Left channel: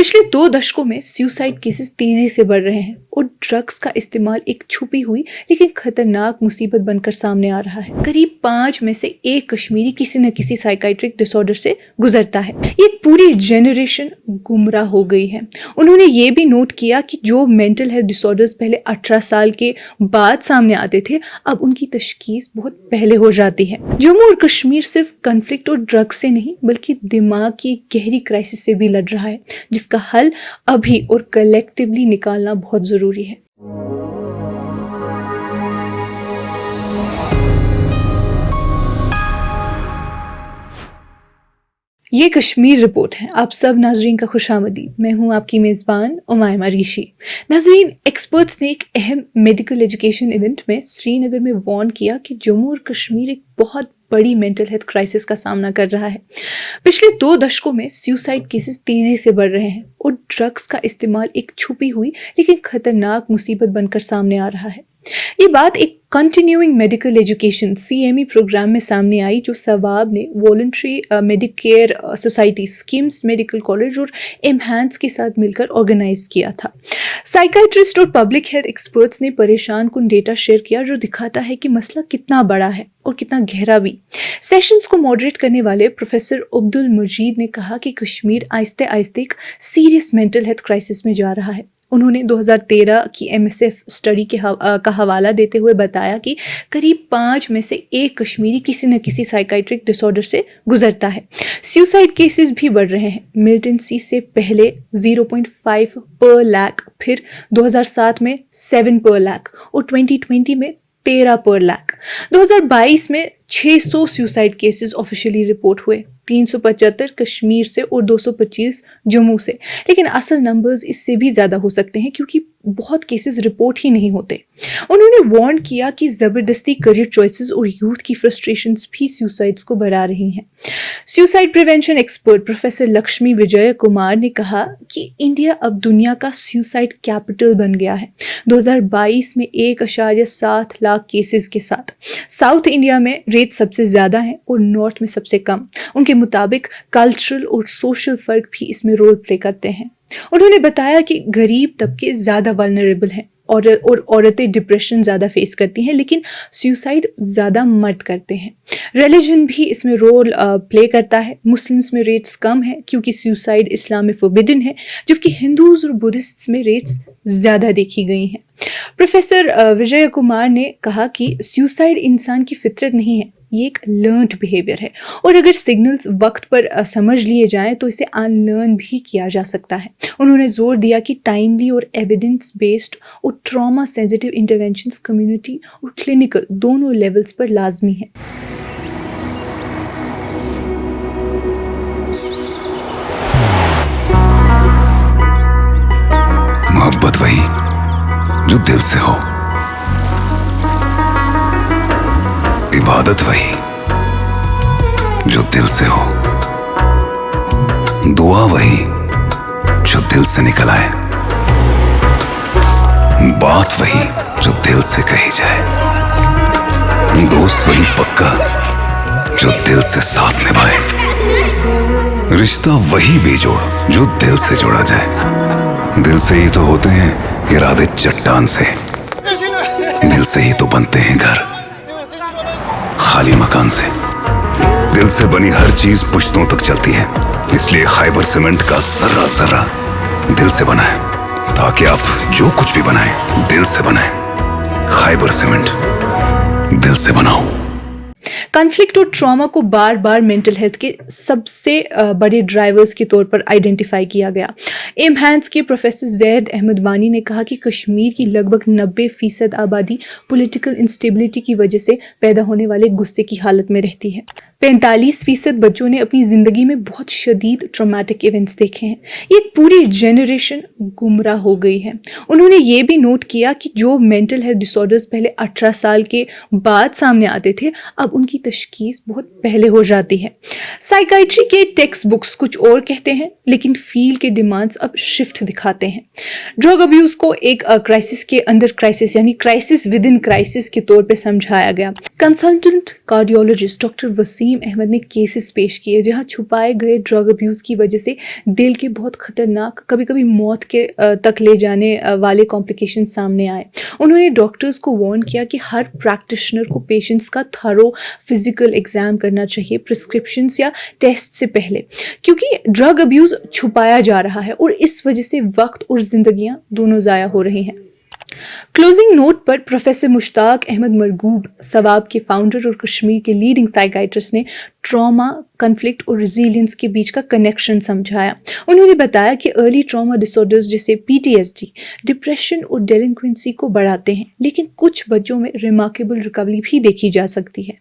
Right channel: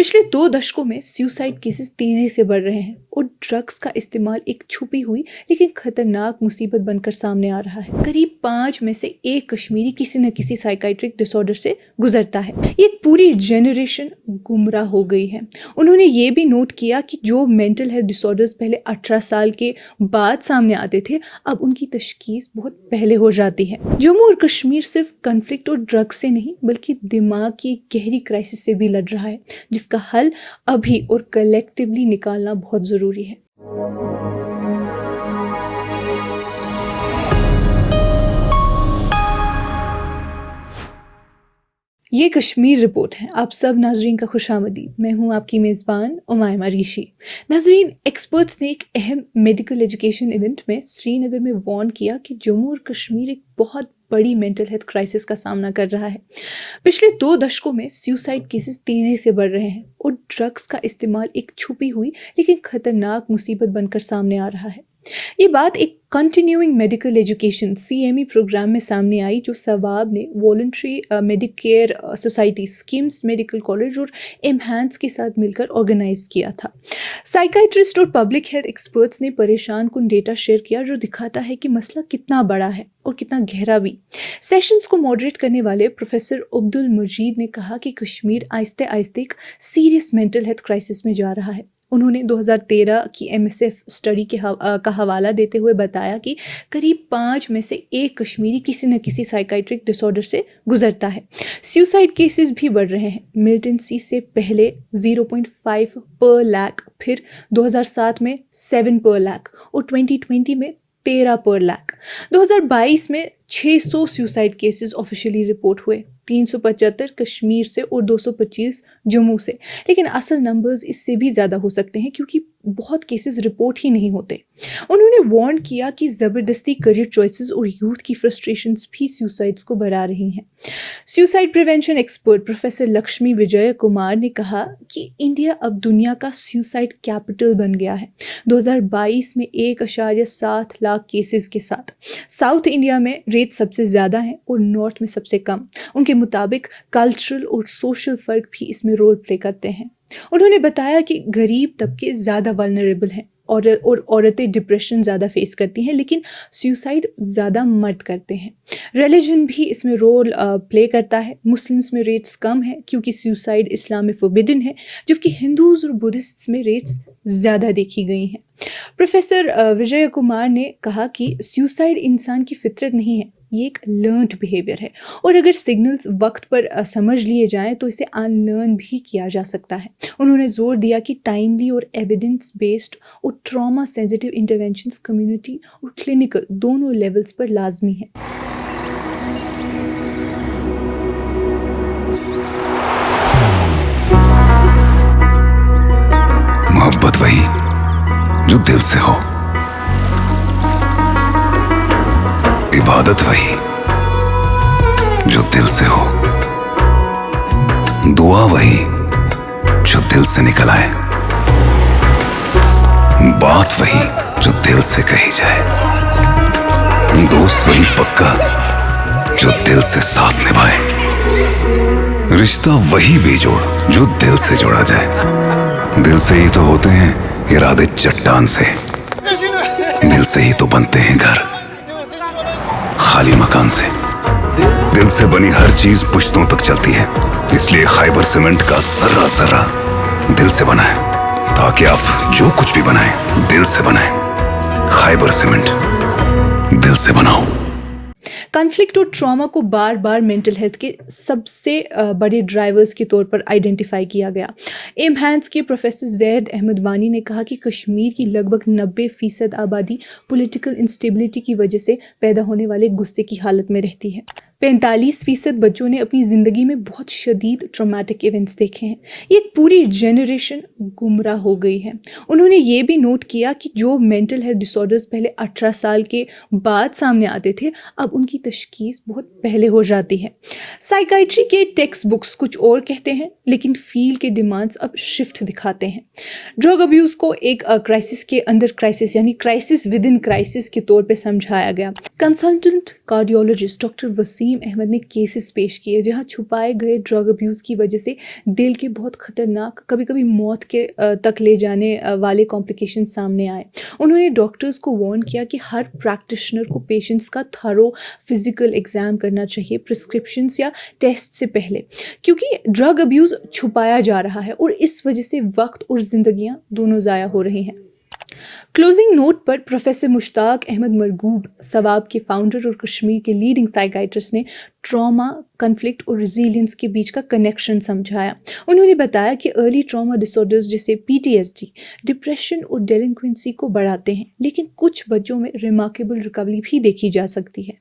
पिछले 2 दशकों में सुसाइड केसेस तेजी से बढ़ रहे हैं और ड्रग्स का इस्तेमाल एक छुपी हुई लेकिन खतरनाक मुसीबत बनकर सामने आ रहा है। करीब 5 में से 1 कश्मीरी किसी न किसी साइकाइट्रिक डिसऑर्डर से गुजरता है। ये एक पूरी जनरेशन गुमराह हो गई है। उन्होंने ये भी नोट किया कि जो मेंटल हेल्थ डिसऑर्डर्स पहले 18 साल के बाद सामने आते थे, अब उनकी तशखीस बहुत पहले हो जाती है। जम्मू और कश्मीर सिर्फ कन्फ्लिक्ट और ड्रग्स से नहीं बल्कि दिमाग की गहरी क्राइसिस से भी लड़ रहा है, जिसका हल अभी और कलेक्टिवली निकालना बहुत जरूरी है। ये कश्मीर रिपोर्ट है। आप सब नाजरीन का खुशामदीद। मैं हूं आपकी मेज़बान उमायमा ऋषि। नाजरीन, एक्सपर्ट्स ने एक अहम मेडिकल एजुकेशन इवेंट में श्रीनगर में वार्न किया कि जम्मू और कश्मीर एक बहुत बड़ी मेंटल हेल्थ क्राइसिस का सामना कर रहा है। पिछले 2 दशकों में सुसाइड केसेस तेजी से बढ़ रहे हैं और ड्रग्स का इस्तेमाल एक छुपी हुई लेकिन खतरनाक मुसीबत बनकर सामने आ रहा है। ये बात एक continuing medical education CME programme में सामने आई, जो सवाब ने voluntary medicare society, SKIMS medical college और एमहांस के साथ मिलकर ऑर्गेनाइज किया था। साइकाइट्रिस्ट और पब्लिक हेल्थ एक्सपर्ट्स ने परेशान कुन डेटा शेयर किया जो दिखाता है कि मसला कितना बड़ा है और कितना गहरा भी। सेशंस को मॉडरेट करने वाले प्रोफेसर अब्दुल मजीद ने कहा कि कश्मीर आहिस्ते आहिस्ते एक सीरियस मेंटल हेल्थ क्राइसिस में जा रहा है। उन्होंने 2013 की MSF स्टडी का हवाला देते हुए बताया कि करीब 5 में से 1 कश्मीरी किसी न किसी साइकाइट्रिक डिसऑर्डर से गुजरता है। सुसाइड केसेस भी बढ़ रहे हैं। मिलिटेंसी से पहले 0.5 पर लाख, फिर 2007 में 7 पर लाख और 2020 में 13 पर लाख। 2022 में 600 सुसाइड केसेस ऑफिशियली रिपोर्ट हुए, 375 कश्मीर से और 225 जम्मू से। लेकिन असल नंबर्स इससे भी ज़्यादा हो सकते हैं क्योंकि बहुत केसेस रिपोर्ट ही नहीं होते। उन्होंने वार्न किया कि ज़बरदस्ती करियर चॉइसेस और यूथ की फ्रस्ट्रेशंस भी सुसाइड्स को बढ़ा रही हैं। Suicide prevention expert professor Lakshmi Vijay Kumar ने कहा कि इंडिया अब दुनिया का सुसाइड कैपिटल बन गया है। 2022 में 1.7 लाख केसेस के साथ साउथ इंडिया में रेट सबसे ज़्यादा है और नॉर्थ में सबसे कम। उनके मुताबिक कल्चरल और सोशल फ़र्क भी इसमें रोल प्ले करते हैं। उन्होंने बताया कि गरीब तबके ज़्यादा वल्नरेबल हैं और औरतें डिप्रेशन ज़्यादा फेस करती हैं, लेकिन सुसाइड ज़्यादा मर्द करते हैं। रिलीजन भी इसमें रोल प्ले करता है। मुस्लिम्स में रेट्स कम है क्योंकि सुसाइड इस्लाम में फोरबिडन है, जबकि हिंदूज़ और बुद्धिस्ट्स में रेट्स ज़्यादा देखी गई हैं। प्रोफेसर विजय कुमार ने कहा कि सुसाइड इंसान की फितरत नहीं है, ये एक लर्नड बिहेवियर है और अगर सिग्नल्स वक्त पर समझ लिए जाएं तो इसे अनलर्न भी किया जा सकता है। उन्होंने जोर दिया कि टाइमली और एविडेंस बेस्ड और ट्रॉमा सेंसिटिव इंटरवेंशंस कम्युनिटी और क्लिनिकल दोनों लेवल्स पर लाजमी है। मोहब्बत वही जो दिल से हो, इबादत वही जो दिल से हो, दुआ वही जो दिल से निकल आए, बात वही जो दिल से कही जाए, दोस्त वही पक्का जो दिल से साथ निभाए, रिश्ता वही बेजोड़ जो दिल से जोड़ा जाए। दिल से ही तो होते हैं इरादे चट्टान से, दिल से ही तो बनते हैं घर खाली मकान से। दिल से बनी हर चीज पुश्तों तक चलती है, इसलिए खैबर सीमेंट का जर्रा जर्रा दिल से बना है, ताकि आप जो कुछ भी बनाएं दिल से बनाएं। खैबर सीमेंट, दिल से बनाओ। कॉन्फ्लिक्ट और ट्रॉमा को बार बार मेंटल हेल्थ के सबसे बड़े ड्राइवर्स के तौर पर आइडेंटिफाई किया गया। एमहांस के प्रोफेसर जैद अहमद वानी ने कहा कि कश्मीर की लगभग 90% आबादी पॉलिटिकल इंस्टेबिलिटी की वजह से पैदा होने वाले गुस्से की हालत में रहती है। 45% बच्चों ने अपनी ज़िंदगी में बहुत शदीद ट्रॉमेटिक इवेंट्स देखे हैं। ये एक पूरी जनरेशन गुमराह हो गई है। उन्होंने ये भी नोट किया कि जो मेंटल हेल्थ डिसऑर्डर्स पहले 18 साल के बाद सामने आते थे, अब उनकी तशखीस बहुत पहले हो जाती है। साइकाइट्री के टेक्स्ट बुक्स कुछ और कहते हैं, लेकिन फील्ड के डिमांड्स अब शिफ्ट दिखाते हैं। ड्रग अब्यूज़ को एक क्राइसिस के अंदर क्राइसिस यानी क्राइसिस विद इन क्राइसिस के तौर पर समझाया गया। Consultant cardiologist doctor Waseem Naseem Ahmad ने केसेस पेश किए जहां छुपाए गए ड्रग अब्यूज़ की वजह से दिल के बहुत ख़तरनाक, कभी कभी मौत के तक ले जाने वाले कॉम्प्लिकेशन सामने आए। उन्होंने डॉक्टर्स को वार्न किया कि हर प्रैक्टिशनर को पेशेंट्स का थरो फिजिकल एग्ज़ाम करना चाहिए प्रिस्क्रिप्शंस या टेस्ट से पहले, क्योंकि ड्रग अब्यूज़ छुपाया जा रहा है और इस वजह से वक्त और ज़िंदगियाँ दोनों ज़ाया हो रही हैं। क्लोजिंग नोट पर प्रोफेसर मुश्ताक अहमद मरगूब सवाब के फाउंडर और कश्मीर के लीडिंग साइकाइट्रिस्ट ने ट्रॉमा, कन्फ्लिक्ट और रिजिलियंस के बीच का कनेक्शन समझाया। उन्होंने बताया कि अर्ली ट्रॉमा डिसऑर्डर्स जैसे PTSD डिप्रेशन और डेलिंक्वेंसी को बढ़ाते हैं, लेकिन कुछ बच्चों में रिमार्केबल रिकवरी भी देखी जा सकती है।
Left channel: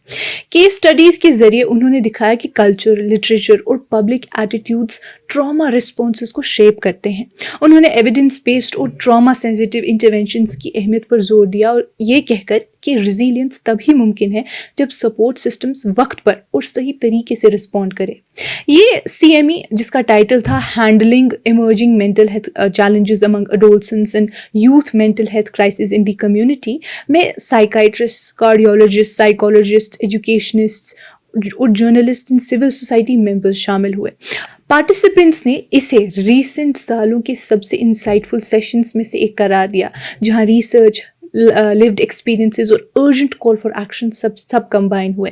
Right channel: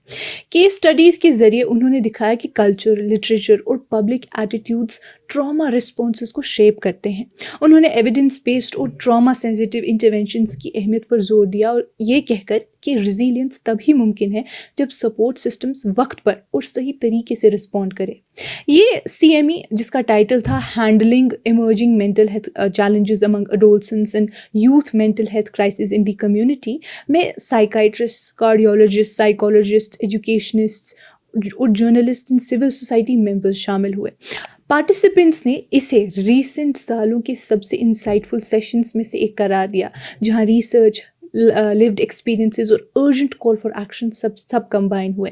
केस स्टडीज़ के जरिए उन्होंने दिखाया कि कल्चर, लिटरेचर और पब्लिक एटीट्यूड्स ट्रॉमा रिस्पॉन्सेस को शेप करते हैं। उन्होंने एविडेंस बेस्ड और ट्रॉमा सेंसिटिव इंटरवेंशंस की अहमियत पर जोर दिया और ये कहकर कि रिजिलियंस तभी मुमकिन है जब सपोर्ट सिस्टम्स वक्त पर और सही तरीके से रिस्पॉन्ड करें। ये CME जिसका टाइटल था handling emerging mental health challenges among adolescents and youth mental health crisis in the community में साइकाइट्रिस्ट, कार्डियोलॉजिस्ट, साइकोलॉजिस्ट, एजुकेशनिस्ट और journalist and civil society members शामिल हुए। पार्टिसिपेंट्स ने इसे रीसेंट सालों के सबसे इंसाइटफुल सेशंस में से एक करार दिया, जहां रिसर्च, लिव्ड एक्सपीरियंसेस और अर्जेंट कॉल फॉर एक्शन सब कंबाइन हुए।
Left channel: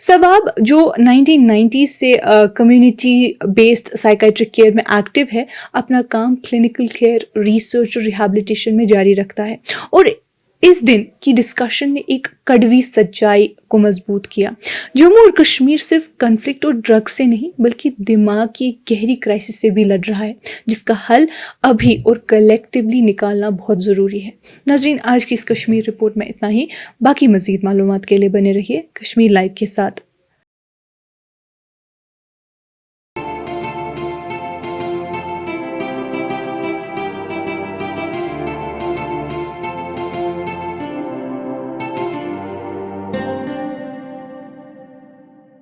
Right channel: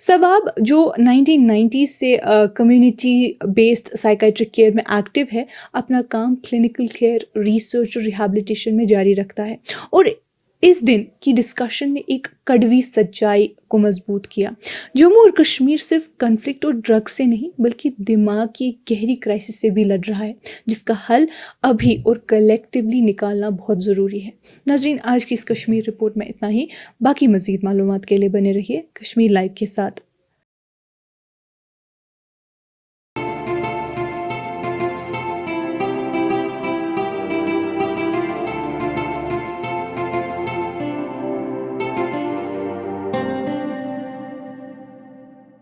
सवाब जो 1990s से कम्युनिटी बेस्ड साइकाइट्रिक केयर में एक्टिव है, अपना काम क्लिनिकल केयर, रिसर्च और रिहैबिलिटेशन में जारी रखता है और इस दिन की डिस्कशन ने एक कड़वी सच्चाई को मजबूत किया। जम्मू और कश्मीर सिर्फ कन्फ्लिक्ट और ड्रग से नहीं बल्कि दिमाग की एक गहरी क्राइसिस से भी लड़ रहा है, जिसका हल अभी और कलेक्टिवली निकालना बहुत ज़रूरी है। नाज़रीन, आज की इस कश्मीर रिपोर्ट में इतना ही। बाकी मज़ीद मालूमात के लिए बने रहिए कश्मीर लाइव के साथ।